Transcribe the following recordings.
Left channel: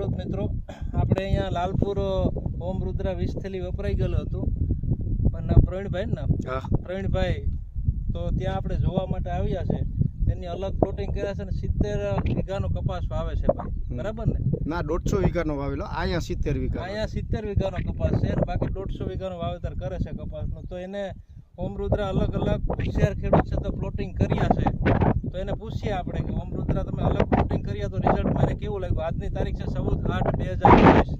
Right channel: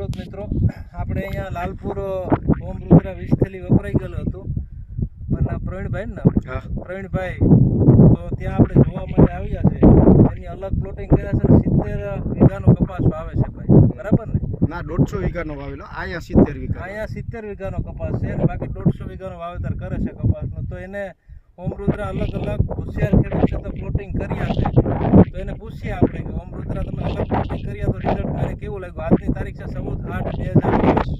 ખેડૂત મિત્રો આપણે અહીંયા લાલપુર ઓમ રુદ્રા વીસ થેલી વપરાઈ ગયેલું હતું. પણ પ્રવીણભાઈ ને પ્રવીણભાઈ તો ત્યાં આપણે જોવા માટે આવ્યા છે. એની અલગ પ્લોટિંગ કર્યા છે સિત્તેર વીઘાનો કપાસ વાવે છે ભાઈ. બરાબર ને? ના દોઢસો વીઘાનો વાવેલો. અહીંયા સિત્તેર વીઘા અહીંયા સિત્તેર વીઘાનો કપાસ છે અને બાકી દોઢસો વીઘાનો વાવેતર કરે છે કપાસનો. તો એને ઓમ રુદ્રા અલગ અલગ હોશિયાર ખેડૂત છે તો પ્લોટિંગ કર્યા છે. તો એને પૂછીએ આપણે કે ઓમ રુદ્રા તમે અલગ પ્લોટિંગ કર્યા તો રિઝલ્ટ મને કેવું લાગ્યું? આજની તારીખ છે ચૌદ આઠ બે હજાર ચોવીસ.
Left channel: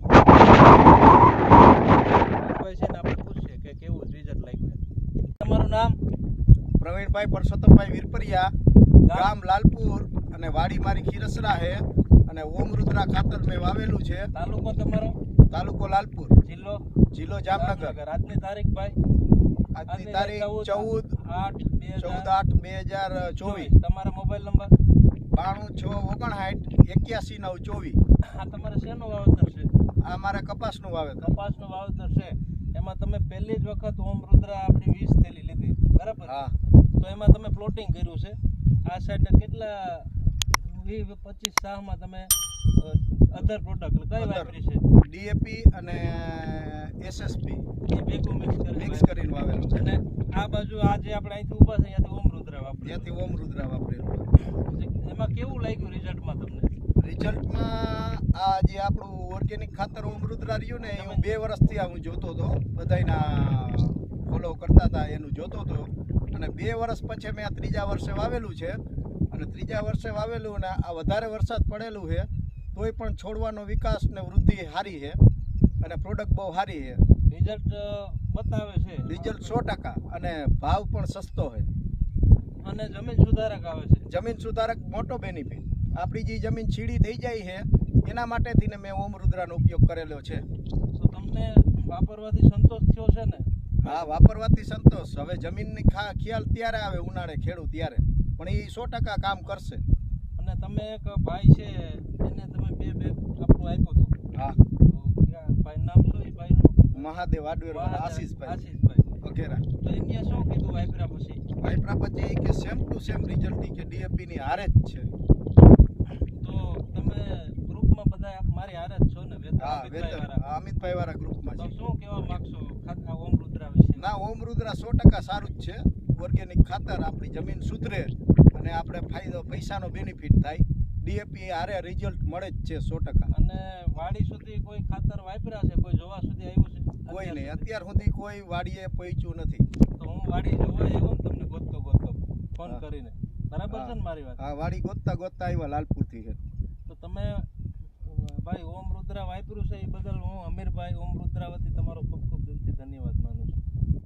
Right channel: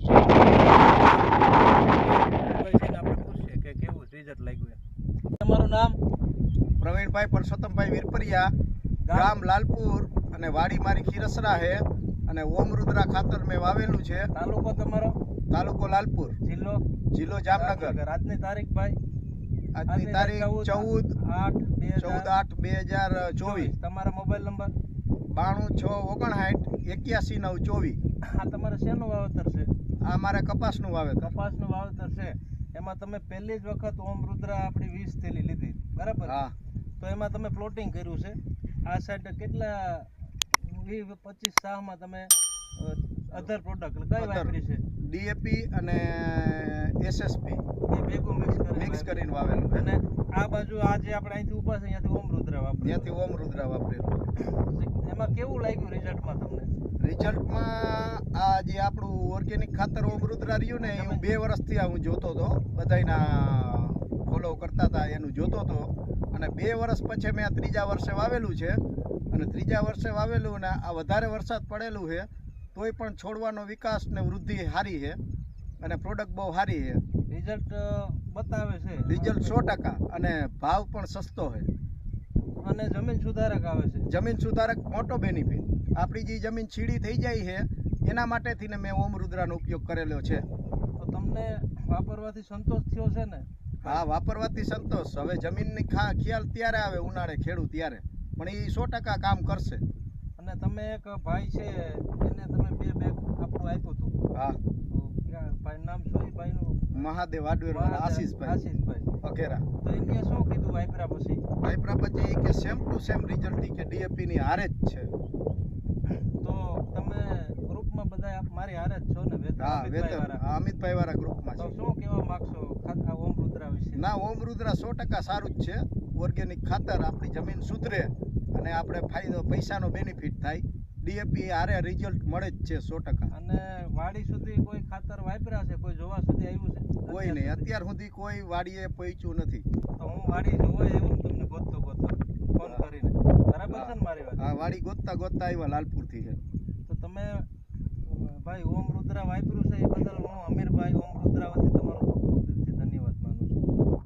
આપણે પૂછીએ કે કેવું રિઝલ્ટ લાગ્યું તમારું નામ? પ્રવીણભાઈ પરસોત્તમભાઈ વીરપરિયા ગામ લાલપુર અને વાડી મારી ખીરસરા હે અને ઓમ રુદ્રા ખાતર મેં વાવેલું છે. તાલુકો તમારો? તાલુકો લાલપુર. જિલ્લો? જિલ્લો જામનગર. આજની તારીખ ભાઈ? આજની તારીખ ચૌદ આઠ બે ચૌદ આઠ બે હજાર ચોવીસ. તમારા મોબાઈલ નંબર બાણું છ ઓગણસાઠ એક્યાસી નવ ચોવીસ. આ તમારે શેનું વાવેતર છે? આ મારે કપાસનું વાવેતર. કપાસનું વાવેતર છે. એમાં તમે પહેલી જ વખત ઓમ રુદ્રા આપણી વીસ થેલી લીધી. બરાબર? હા. તો એમાં તમે પ્લોટિંગ કર્યું છે. આ સાઈડ કેટલા વીસ પચીસ સાહમાં તમે અધર પ્રોડક્ટ કઈ. વાપરી છે? ડીએપી અને એસએસપી એ ભેગું મિક્સ કરીને મિક્સ કરીને વાવેલું છે. અને આ બાજુ આજે આપણે અહીંથી ઊભા છે અહીંયાથી ઓમ રુદ્રા વાપરે. ત્યાંથી ઓમ રુદ્રા વાપરેલું એમાં કેવું લાગ્યું રિઝલ્ટમાં તમને? રિઝલ્ટમાં આ જે આપણું ઓર્ગેનિક ખાતર ઓમ રુદ્રા રહ્યું ને એ બે વર્ષથી હું જોતો હતો. બધાયના ફોલો કરતા હતા એનું જોતો હતો. અને બે વર્ષ પછી મેં આ ત્રીજા વર્ષે વાવેલું છે. અને ત્રીજા વર્ષે વાવેલું અને આ વધારે વરસાદ પડેલું છે. તોય પણ છોડવાનો વિકાસ ને વૃદ્ધિ સારી છે અને પ્રોડક્ટ બહુ સારી છે. રિઝલ્ટ બતાવે છે. રિઝલ્ટ સો ટકા અને ભાવ પણ સસ્તો છે. અને જમીન સુધારક આવે છે. જમીન સુધારક મોટો બેનિફિટ આપણી જે જમીન છીડી થઈ જાય છે એના માટેથી ને મેં ઓમ રુદ્રાનો ઉપયોગ કરેલો છે. તો તમને વાપરવાથી સંતોષ થયો છે ને? હા વાપરવાથી સંતોષ. હવે જમીનની ખા ખ્યાલ ત્યારે આવે ઉનાળે ખેડૂત ત્યારે. પણ એ સો ટકા કામ કરશે. અને તમે એક ભાઈ છે એને તમે બે બેગ આપણું આપ્યું હતું હા તો ક્યાં ભાઈ નામ શું એ ભાઈનું મહાદેવ આડવેરવાળા આશીષભાઈ. વગેરા તો એમને શું કીધું વાઇપરા પછી? વાઇપરા પછી કે સેમ ટુ સેમ રિઝલ્ટ કે ડીએપી ની હારે જ છે. તો તમે ગ્રુપમાં બધા આપ મારી હારે જ છો ને વેતા અમિતભાઈ વાળા અમિતભાઈ વાળા ગ્રુપમાં તો શું કહેવા માંગશો? ખાતા ઓમ રુદ્રા વિશે? ના ઓમ રુદ્રા સો ટકા સારું જ છે. ઓર્ગેનિક ખાતર આપણી જમીન સુધરે અને આપણે ફાયદો પૈસાનો બેનિફિટ થાય. ડીએપી આરે રિઝલ્ટ મળે જ છે સો ટકા. અને વાડી સુધી કોઈ ખાતર વાપર્યા છે? કોઈ જોવા સુધી આવ્યું છે? કોઈ નહીં. અત્યાર સુધી કોઈ વાડીએ પહોંચ્યું નથી. તો હું વાડી જોવા આવ્યો તમને ગોતતો ગોતતો. ફોન કરીને. બરાબર છે ને મારી વાત? આ વાડી ગોતતા ગોતતા આવ્યા લાલપુરથી છે. તો તમે ભાઈ ઓમ રુદ્રા વાપર્યું છે એ બદલ હું અમીરભાઈ ઓમ રુદ્રા વતી